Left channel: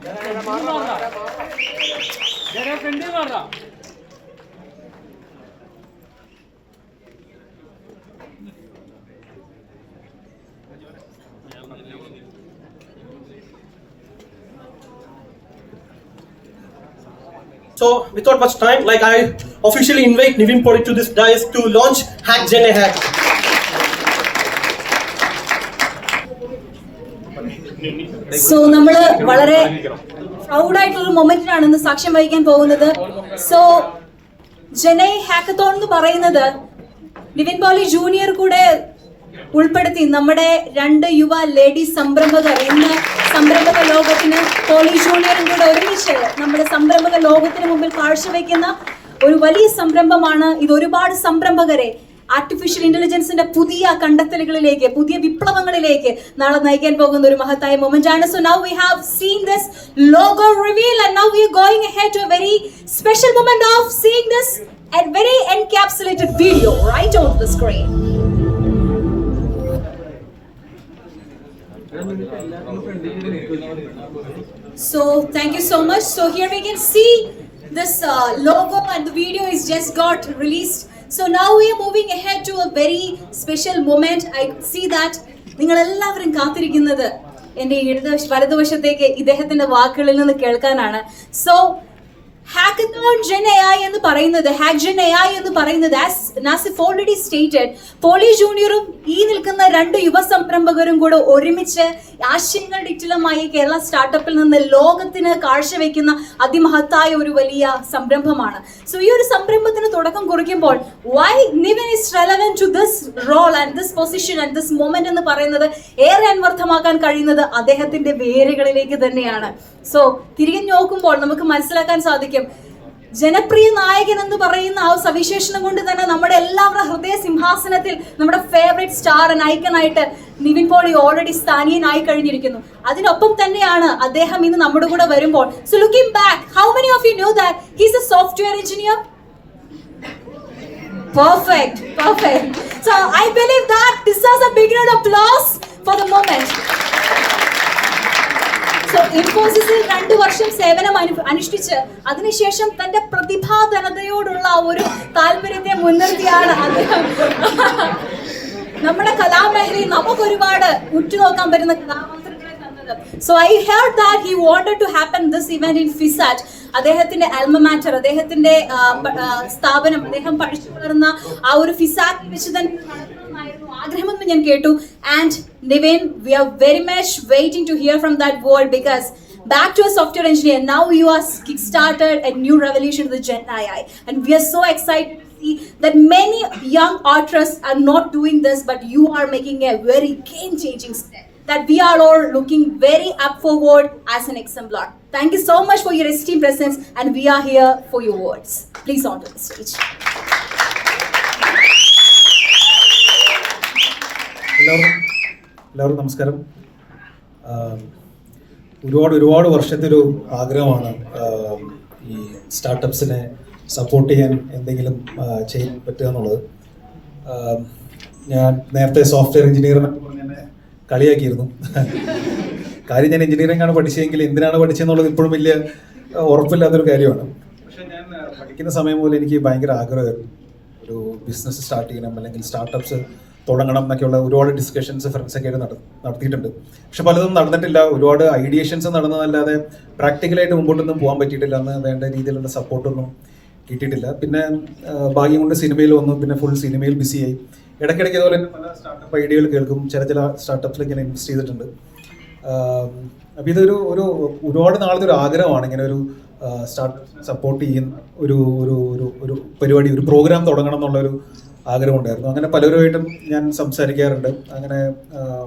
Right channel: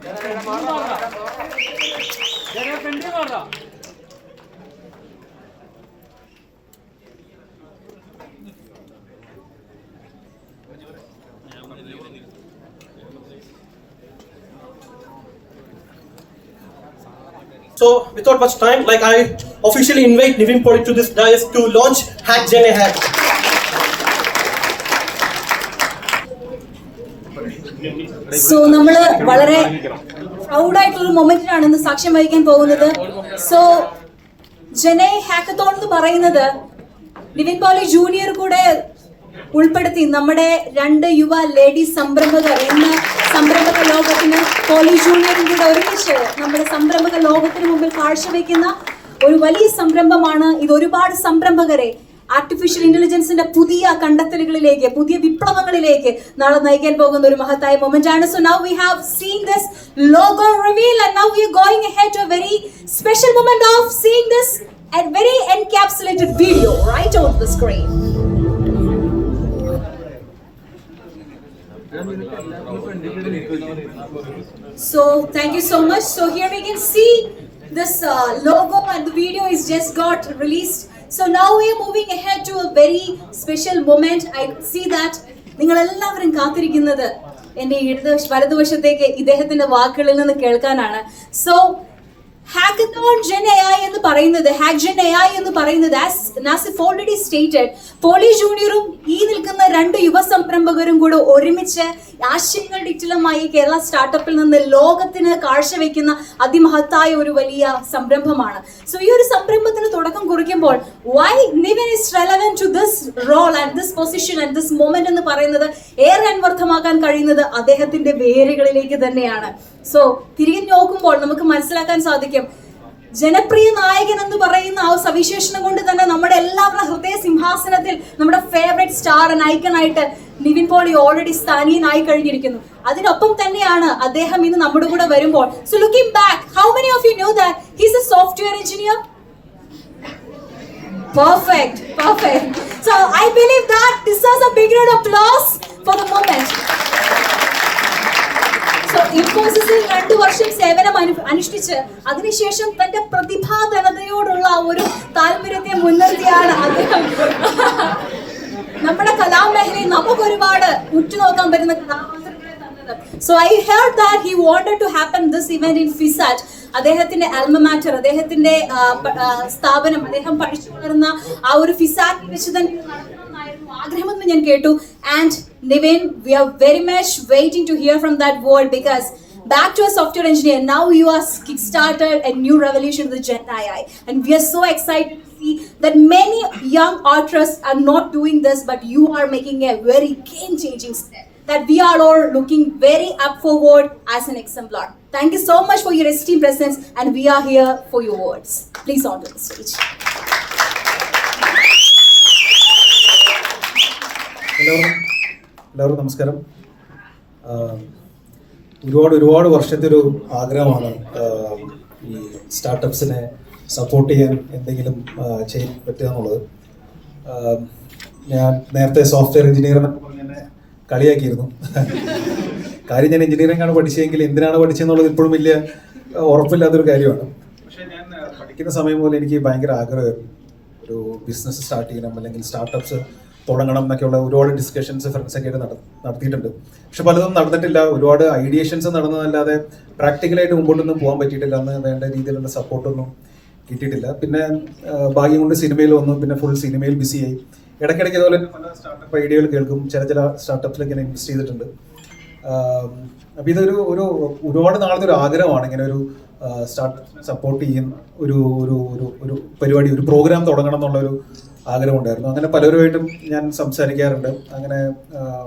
So, without much time, I officially invite Nivin Poli to this dais to launch Hack Gen Hack. So, നമ്മള് വളരെ proud ആയിട്ടുള്ള മൊമെന്റിനാണ് ഇന്ന് സാക്ഷ്യം വഹിക്കാൻ പോകുന്നത്. സോ ജനൈ ഹാക്കത്തോൺ എന്ന് പറയുന്നത് നിവിൻ പോളി ജൂനിയർ കൂടെ ഉൾപ്പെടുത്തി നമ്മുടെ 2 യുവ ലേഡി സംരംഭകർ എന്ന സംരംഭക ലോകത്തിന് പോളി ജൂനിയറും കൂടെ ഒരുമിച്ച് നമ്മുടെ സംരംഭക ലോകത്തിന് മുമ്പിൽ കാഴ്ചവെക്കുന്ന ഒരു വലിയ സംരംഭമാണ് ഇത്. ഒരുപാട് സംരംഭകരെ ആർട്ടിഫിഷ്യൽ ഇന്റലിജൻസിന്റെ പുതിയ കണ്ടെത്തലുകളിലേക്ക്, പുതിയ വിപ്ലവങ്ങളിലേക്ക് നാളെ നയിക്കാൻ പോകുന്ന ഒരു മഹത്തായ മൊമെന്റ് ആണ്. So now we have seen this logo reveal and now we are going ahead to a very special moment of seeing this a very encapsulated video right on the screen. So thank you so much. So here we can see this logo and the video is just got released. So now we are moving ahead to a very special moment. I see that നിങ്ങൾ എല്ലാവരും കാത്തിരിക്കുന്നത് എൻ്റെ വലതുവശത്തേക്ക് ഇദ്ദേഹത്തിന്റെ വാക്കുകളിൽ നിന്ന് കേൾക്കാനാണ്. So hackathon gen AI എന്ന് പറയുന്നത്, ഹാക്ക് ജെൻ AI എന്ന് പറയുന്നത് നാസിഫ് ഓൾറെഡി സ്റ്റേറ്റഡ്, പോളി ജൂനിയറും ഈ നിൽക്കുന്ന 2 യുവ സംരംഭകരും കൂടെ ഒരുമിച്ച് ആശയങ്ങൾ ഡിജിറ്റലുമായി കേരള സ്റ്റാർട്ടപ്പിൽ നിന്ന് ലോകത്തിന് കാഴ്ചവെക്കുന്ന അതിമഹത്തായ ഒരു വലിയ സംരംഭമാണ്. സോ ഈ ഒരു സംരംഭത്തിന് തുടക്കം കുറിക്കുമ്പോൾ why Nivin is relevant to this role and this position and this moment എന്ന് പറയുന്നത് ഏറെ അന്വർത്ഥമാക്കാൻ കഴിയുന്നത് അദ്ദേഹത്തിന്റെ വേരുകളിലേക്ക് തന്നെയാണ്. സോ തിരികെ നോക്കുമ്പോൾ നമുക്ക് മനസ്സിലാക്കാൻ സാധിക്കും, ജനപ്രിയ നായകൻ എന്ന് പറയുന്ന ആ സവിശേഷണം കൊണ്ട് തന്നെ നമ്മുടെ എല്ലാവരുടെ ഹൃദയ സിംഹാസനത്തിൽ നമ്മുടെ ഫേവറേറ്റ് സ്റ്റാർ ആൻഡ് ഐക്കൺ ആയിട്ട് നിവിൻ പോളി ഓൾറെഡി സ്ഥാനീയനായി കഴിഞ്ഞിരിക്കുന്നു. അതിനൊപ്പം തന്നെയാണ് അദ്ദേഹം ഇന്ന് നമ്മുടെ കൂടെ വരുമ്പോൾ. So looking back, how many of you know that he is A software engineer? Perfect. So I believe that this is a big round of applause for the moment. So ഇൻഫോസിസിൽ 2 വർഷം സേവനം അനുഷ്ഠിച്ച് അതിനുശേഷം തന്റെ പ്രതിഭാധനതയോടുള്ള ഒരു താല്പര്യത്തെ മുൻനിർത്തിയാണ് അദ്ദേഹം നമ്മുടെ കലാമേഖലയിൽ നമുക്ക് ഒരുപാട് ഉറ്റുനോക്കാൻ പറ്റുന്ന കഥാപാത്രങ്ങളെ തന്നത്. So I heard that he wanted to happen this event in FISAT. അദ്ദേഹത്തിന്റെ ആൽമ മാറ്റർ, അദ്ദേഹത്തിന്റെ സ്ഥാപനം, അദ്ദേഹം പഠിച്ചു വളർന്ന ആ ഒരു ഫിസാറ്റിൽ വെച്ച് തന്നെ നടത്തണമെന്നായിരുന്നു ആഗ്രഹമെന്ന് ഞാൻ കേട്ടു. And Nivin, we are very much waiting to hear from that word because back to a software engineer, now you are kickstarted a new revolution with Gen AI and we are so excited to see that many young artists are not doing this but you are making a very game changing step that we are all looking very up forward as an exemplar. Thank you so much for your esteemed presence and we are here for your words. Please on to the stage. എല്ലാവരും നമസ്കാരം. ഒരുപാട് വർഷത്തെ ഒരു ആഗ്രഹമാണ് ഈ സ്റ്റാർട്ടപ്സിനെ support ചെയ്യാൻ എന്തെങ്കിലും ചെയ്യാൻ പറ്റുക എന്നുള്ളത്. ഞാൻ നേരത്തെ സോഫ്റ്റ്വെയർ എഞ്ചിനീയർ എന്നൊക്കെ പറഞ്ഞ് എന്നെ കളിയാക്കിയിരുന്നു. കാര്യം ഞാൻ എഞ്ചിനീയറിംഗ് ആണ് പഠിച്ചതെങ്കിൽ എന്തിനാണ് പഠിച്ചതെന്നുള്ളത് ഇപ്പോഴും വലിയ ഉറപ്പില്ലാത്തൊരു കാര്യമാണ്. പക്ഷേ ഞാൻ പഠിക്കുന്ന സമയം പോലെ എനിക്ക് ഭയങ്കര ആഗ്രഹമായിരുന്നു ഒരു ബിസിനസ് സ്റ്റാർട്ട് ചെയ്യണം, അല്ലെങ്കിൽ സ്റ്റാർട്ടപ്സ് തുടങ്ങണം എന്നൊക്കെയുള്ള ഒരുപാട് ഡിസ്കഷൻസ് ഫ്രണ്ട്സൊക്കെ ആയിട്ട് നടത്തിയിട്ടുണ്ട്. പക്ഷെ പലതും നടന്നിട്ടില്ല. ഒരുപാട് ഐഡിയേഷൻസ് നടന്നതല്ലാതെ പ്രാക്ടിക്കലായിട്ട് മുമ്പോട്ടൊന്നും പോകാൻ പറ്റിയിട്ടില്ല. അന്ന് വേണ്ട രീതിയിലുള്ള സപ്പോർട്ടൊന്നും കിട്ടിയിട്ടില്ല. പിന്നെ ഭാഗ്യം കൊണ്ട് സിനിമയിൽ വന്നു. പിന്നെ ഫുൾ സിനിമയിൽ ബിസിയായി. ഇടയ്ക്കിടയ്ക്ക് അതുപോലെ തന്നെ പല സ്റ്റാർട്ടപ്പ് ഐഡിയകൾ കേൾക്കും. ചില സ്റ്റാർട്ടപ്സിലൊക്കെ ഞാൻ ഇൻവെസ്റ്റ് ചെയ്തിട്ടുണ്ട്. അപ്പോൾ ഇതൊരു ഒരുപാട് നാളത്തെ ഒരു ആഗ്രഹമാണ് ഇങ്ങനെ ഒരു സ്റ്റാർട്ടപ്സിനെ സപ്പോർട്ട് ചെയ്യുന്ന ഒരു പരിപാടി, ഒരു പ്രോഗ്രാം തുടങ്ങണം എന്നുള്ളൊരു ആഗ്രഹമുണ്ടായിരുന്നു. അങ്ങനെ പലരുമായിട്ടും ഞാൻ സംസാരിക്കാറുണ്ട്. അങ്ങനെ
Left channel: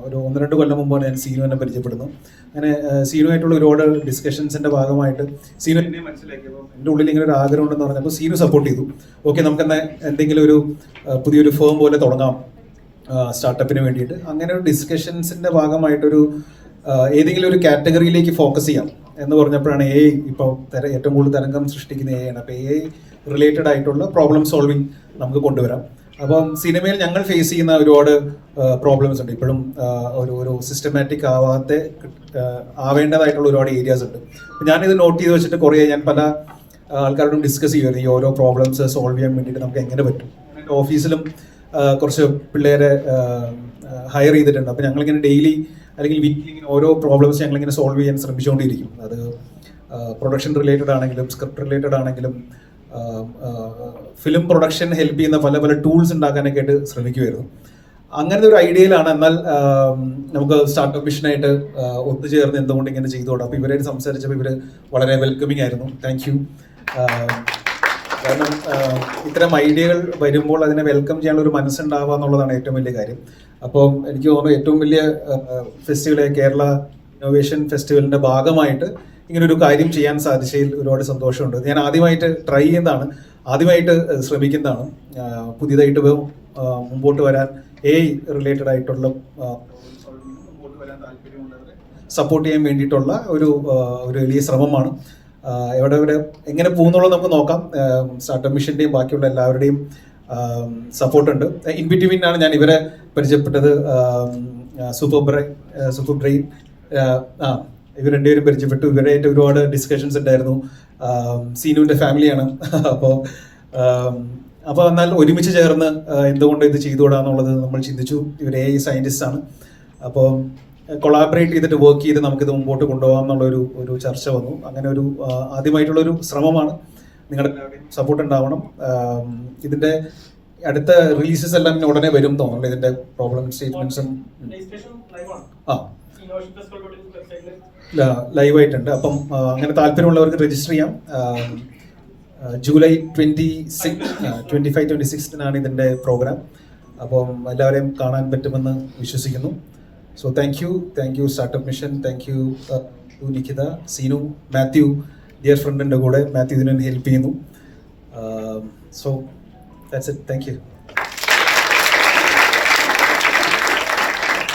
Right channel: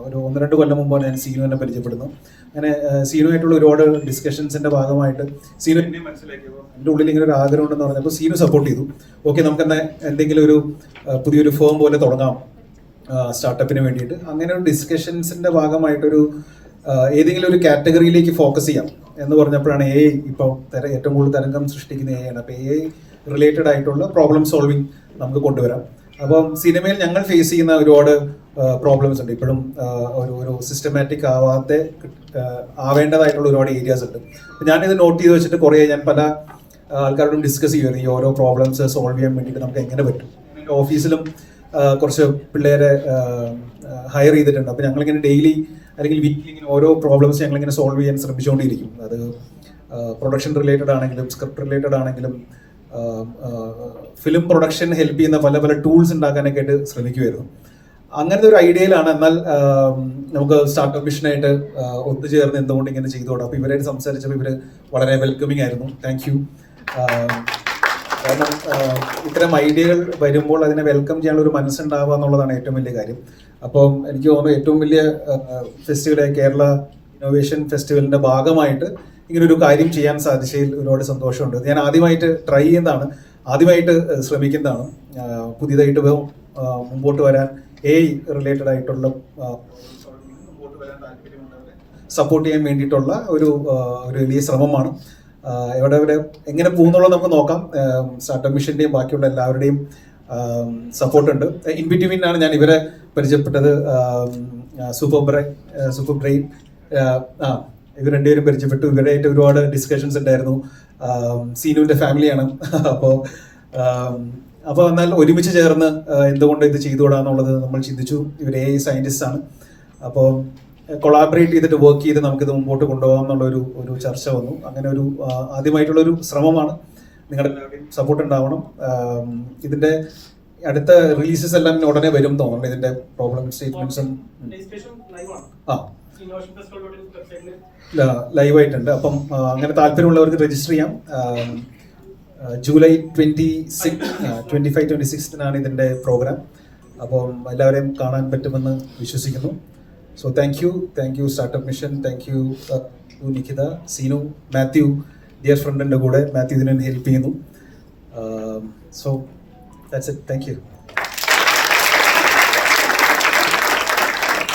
ഒരു 1-2 കൊല്ലം മുമ്പാണ് ഞാൻ സീനുവിനെ പരിചയപ്പെടുന്നത്. അങ്ങനെ സീനുമായിട്ടുള്ള ഒരുപാട് ഡിസ്കഷൻസിൻ്റെ ഭാഗമായിട്ട് സീനു എന്നെ മനസ്സിലാക്കിയപ്പോൾ എൻ്റെ ഉള്ളിൽ ഇങ്ങനെ ഒരു ആഗ്രഹം ഉണ്ടെന്ന് പറഞ്ഞപ്പോൾ സീനു സപ്പോർട്ട് ചെയ്തു. ഓക്കെ, നമുക്ക് എന്തെങ്കിലും ഒരു പുതിയൊരു ഫേം പോലെ തുടങ്ങാം സ്റ്റാർട്ടപ്പിന് വേണ്ടിയിട്ട്. അങ്ങനെ ഒരു ഡിസ്കഷൻസിൻ്റെ ഭാഗമായിട്ടൊരു ഏതെങ്കിലും ഒരു കാറ്റഗറിയിലേക്ക് ഫോക്കസ് ചെയ്യാം എന്ന് പറഞ്ഞപ്പോഴാണ് AI ഇപ്പോൾ ഏറ്റവും കൂടുതൽ തരംഗം സൃഷ്ടിക്കുന്ന AI ആണ്. അപ്പോൾ AI റിലേറ്റഡ് ആയിട്ടുള്ള പ്രോബ്ലം സോൾവിങ് നമുക്ക് കൊണ്ടുവരാം. അപ്പം സിനിമയിൽ ഞങ്ങൾ ഫേസ് ചെയ്യുന്ന ഒരുപാട് പ്രോബ്ലംസ് ഉണ്ട് ഇപ്പോഴും. ഒരു സിസ്റ്റമാറ്റിക് ആവേണ്ടതായിട്ടുള്ള ഒരുപാട് ഏരിയാസ് ഉണ്ട്. ഞാനിത് നോട്ട് ചെയ്ത് വെച്ചിട്ട് ഞാൻ പല ആൾക്കാരോടും ഡിസ്കസ് ചെയ്യുമായിരുന്നു ഈ ഓരോ പ്രോബ്ലംസ് സോൾവ് ചെയ്യാൻ വേണ്ടിയിട്ട് നമുക്ക് എങ്ങനെ പറ്റും. എൻ്റെ ഓഫീസിലും കുറച്ച് പിള്ളേരെ ഹയർ ചെയ്തിട്ടുണ്ട്. അപ്പോൾ ഞങ്ങളിങ്ങനെ ഡെയിലി അല്ലെങ്കിൽ വീക്കിലി ഇങ്ങനെ ഓരോ പ്രോബ്ലംസ് ഞങ്ങളിങ്ങനെ സോൾവ് ചെയ്യാൻ ശ്രമിച്ചുകൊണ്ടിരിക്കും. അത് പ്രൊഡക്ഷൻ റിലേറ്റഡ് ആണെങ്കിലും സ്ക്രിപ്റ്റ് റിലേറ്റഡ് ആണെങ്കിലും ഫിലിം പ്രൊഡക്ഷൻ ഹെൽപ്പ് ചെയ്യുന്ന പല പല ടൂൾസ് ഉണ്ടാക്കാനൊക്കെ ആയിട്ട് ശ്രമിക്കുമായിരുന്നു. അങ്ങനത്തെ ഒരു ഐഡിയയിലാണ്. എന്നാൽ നമുക്ക് സ്റ്റാർട്ടപ്പ് മിഷനായിട്ട് ഒത്തുചേർന്ന് എന്തുകൊണ്ട് ഇങ്ങനെ ചെയ്തോടാം. അപ്പോൾ ഇവരായിട്ട് സംസാരിച്ചപ്പോൾ ഇവർ വളരെ വെൽക്കമിങ് ആയിരുന്നു. Thank you. കാരണം ഇത്തരം ഐഡിയകൾ വരുമ്പോൾ അതിനെ വെൽക്കം ചെയ്യാനുള്ള ഒരു മനസ്സുണ്ടാവുക എന്നുള്ളതാണ് ഏറ്റവും വലിയ കാര്യം. അപ്പം എനിക്ക് തോന്നുന്നു ഏറ്റവും വലിയ ഫെസ്റ്റിവൽ കേരള ഇന്നോവേഷൻ ഫെസ്റ്റിവലിൻ്റെ ഭാഗമായിട്ട് ഇങ്ങനൊരു കാര്യം ചെയ്യാൻ സാധിച്ചതിൽ ഒരുപാട് സന്തോഷമുണ്ട്. ഞാൻ ആദ്യമായിട്ട് ട്രൈ ചെയ്യുന്നതാണ്, ആദ്യമായിട്ട് ശ്രമിക്കുന്നതാണ്. പുതിയതായിട്ട് മുമ്പോട്ട് വരാൻ റിലേറ്റഡ് ആയിട്ടുള്ള മുമ്പോട്ട് വരാൻ താല്പര്യമുള്ളവരെ സപ്പോർട്ട് ചെയ്യാൻ വേണ്ടിയിട്ടുള്ള ഒരു വലിയ ശ്രമമാണ്. എവിടെ എങ്ങനെ പോകുന്നുള്ളത് നമുക്ക് നോക്കാം. സ്റ്റാർട്ടപ്പ് മിഷൻ്റെയും ബാക്കിയുള്ള എല്ലാവരുടെയും സപ്പോർട്ടുണ്ട്. ഇൻ ബിറ്റ്വീൻ ആണ് ഞാൻ ഇവരെ പരിചയപ്പെട്ടത്. സൂപ്പർ ബ്രെയിൻ ഇവർ രണ്ടുപേരും പരിചയപ്പെട്ടു. ഇവരായിട്ട് ഒരുപാട് ഡിസ്കഷൻസ് ഉണ്ടായിരുന്നു. സീനുവിൻ്റെ ഫാമിലിയാണ്. അപ്പോൾ എന്നാൽ ഒരുമിച്ച് ചേർന്ന് എന്തുകൊണ്ട് ഇത് ചെയ്തുകൂടാന്നുള്ളത് നമ്മൾ ചിന്തിച്ചു. ഇവർ AI സയൻറ്റിസ്റ്റ് ആണ്. അപ്പോൾ കൊളാബറേറ്റ് ചെയ്തിട്ട് വർക്ക് ചെയ്ത് നമുക്കിത് മുമ്പോട്ട് കൊണ്ടുപോകാം എന്നുള്ളൊരു ചർച്ച വന്നു. അങ്ങനെ ഒരു ആദ്യമായിട്ടുള്ളൊരു ശ്രമമാണ്. നിങ്ങളുടെ എല്ലാവരുടെയും സപ്പോർട്ട് ഉണ്ടാവണം. ഇതിൻ്റെ അടുത്ത റിലീസസ് എല്ലാം ഉടനെ വരും തോന്നുന്നു. ഇതിൻ്റെ പ്രോബ്ലം സ്റ്റേറ്റ്മെന്റ്സും ലൈവായിട്ടുണ്ട്. അപ്പം അങ്ങനെ താല്പര്യമുള്ളവർക്ക് രജിസ്റ്റർ ചെയ്യാം. ജൂലൈ 25-26 ഇതിൻ്റെ പ്രോഗ്രാം. അപ്പം എല്ലാവരെയും കാണാൻ പറ്റുമെന്ന് വിശ്വസിക്കുന്നു. So thank you startup mission. Thank you to Nikhita, Seenu, Mathew, dear ഫ്രണ്ടിൻ്റെ കൂടെ മാത്യു ഇതിനെ ഹെൽപ്പ് ചെയ്യുന്നു. So that's it. Thank you.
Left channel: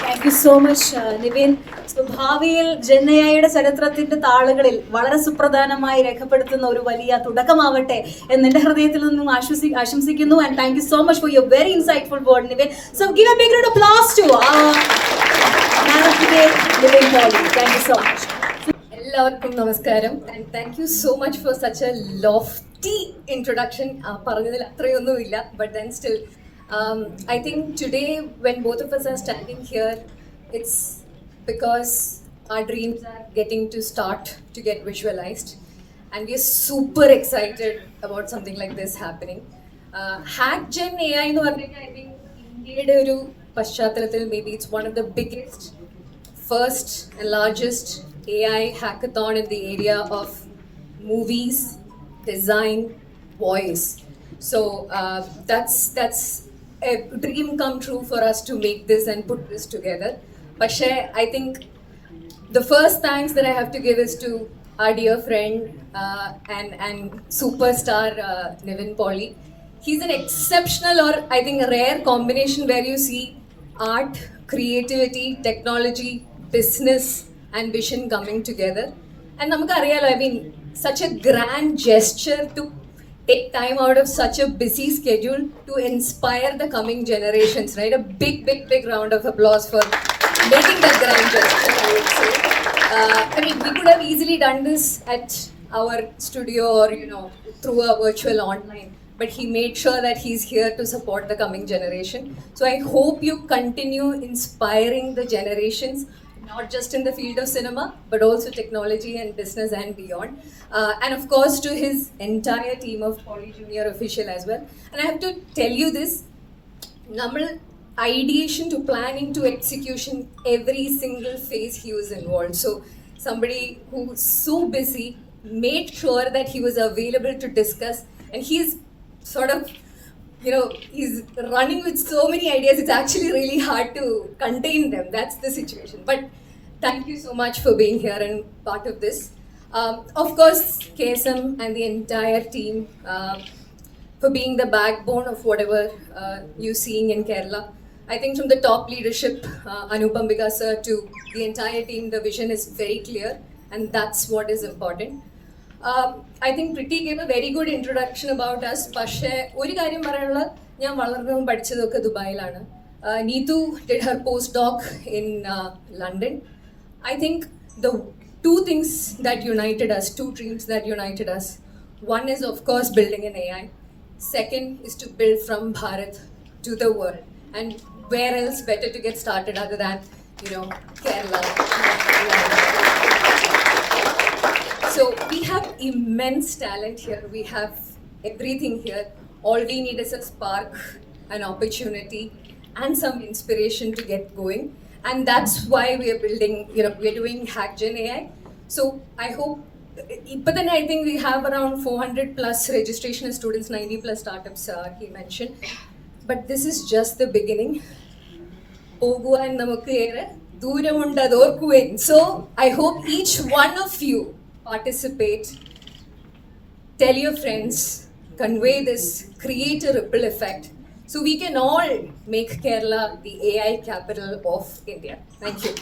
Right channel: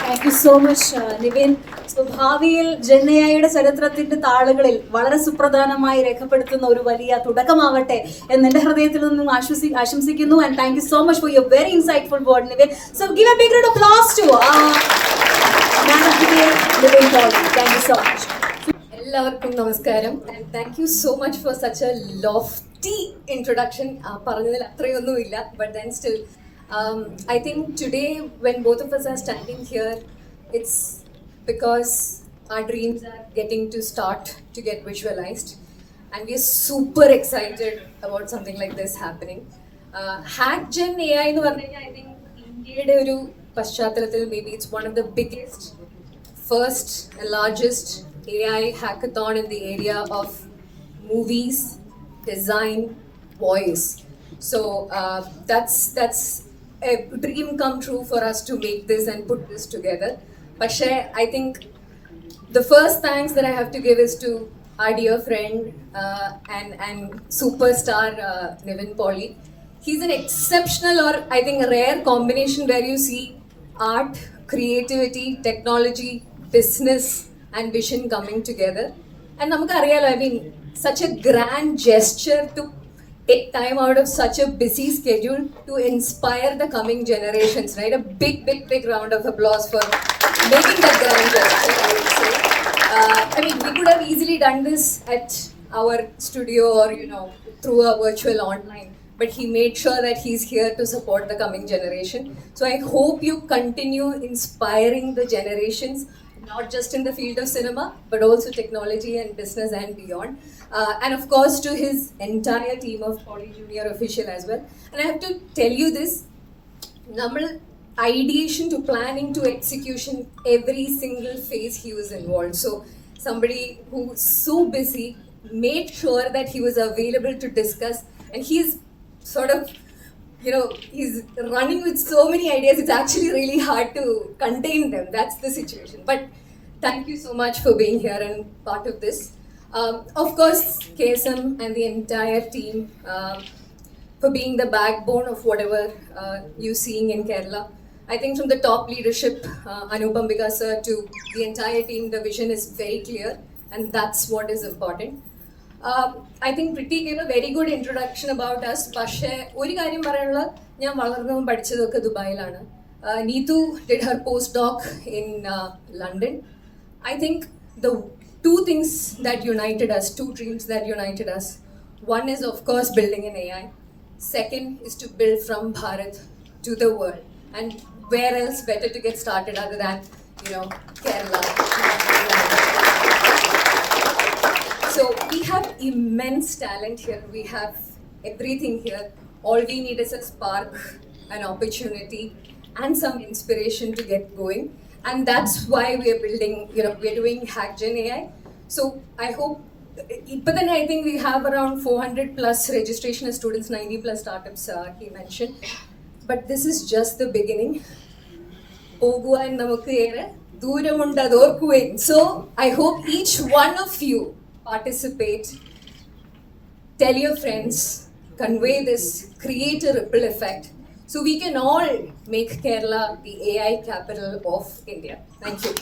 Thank you so much Nivin. So ഭാവിയിൽ ജെന്നയുടെ ചരിത്രത്തിന്റെ താളുകളിൽ വളരെ സുപ്രധാനമായി രേഖപ്പെടുത്തുന്ന ഒരു വലിയ തുടക്കമാവട്ടെ എന്നെ ഹൃദയത്തിൽ നിന്നും ആശംസിക്കുന്നു. And thank you so much for your very insightful word Nivin. So give a big round of applause to Nivin Pauly. Thank you so much. എല്ലാവർക്കും നമസ്കാരം. And thank you so much for such a lofty introduction. പറഞ്ഞതിൽ അത്രയൊന്നുമില്ല, but then still I think today when both of us are standing here, it's because our dreams are getting to start to get visualized, and we are super excited about something like this happening. HackGen AI nu parnayal I think India's oru paschatalathil maybe it's one of the biggest, first and largest AI hackathon in the area of movies, design, voice. So that's a dream come true for us to make this and put this together. But I think the first thanks that I have to give is to our dear friend and superstar Nivin Pauly. He's an exceptional, or I think a rare combination where you see art, creativity, technology, business and vision coming together. And namakku ariyalo, I mean, such a grand gesture to take time out of such a busy schedule to inspire the coming generations, right? A big round of applause for making that grand gesture, I would say. I mean, we could have easily done this at our studio or, through a virtual online, but he made sure that he's here to support the coming generation. So I hope you continue inspiring the generations, not just in the field of cinema, but also technology and business and beyond. And of course, to his entire team of Poly Junior Official as well. And I have to tell you this, ideation to planning to execution, every single phase he was involved. So somebody who's so busy made sure that he was available to discuss, and he's sort of, he's running with so many ideas, it's actually really hard to contain them. That's the situation. But thank you so much for being here and part of this. Of course, KSM and the entire team for being the backbone of whatever you're seeing in Kerala. I think from the top leadership, Anupam Ambika sir, to the entire team, the vision is very clear, and that's what is important. I think Priti gave a very good introduction about us. പക്ഷേ ഒരു കാര്യം പറയാനുള്ള, ഞാൻ വളർന്നതും പഠിച്ചതൊക്കെ ദുബായിലാണ്. Neetu did her postdoc in London. I think the two things that united us, two dreams that united us. One is, of course, building an AI. Second is to build from Bharat to the world. And where else better to get started other than, Kerala. So we have immense talent here. We have everything here. All we need is a spark, an opportunity, and some inspiration to get going. And that's why we are building, we're doing HackGen AI. So I hope, but then I think we have around 400 plus registration students, 90 plus startups he mentioned. But this is just the beginning. So I hope each one of you participate, tell your friends, convey this, create a ripple effect, so we can all make Kerala the AI capital of India. Thank you.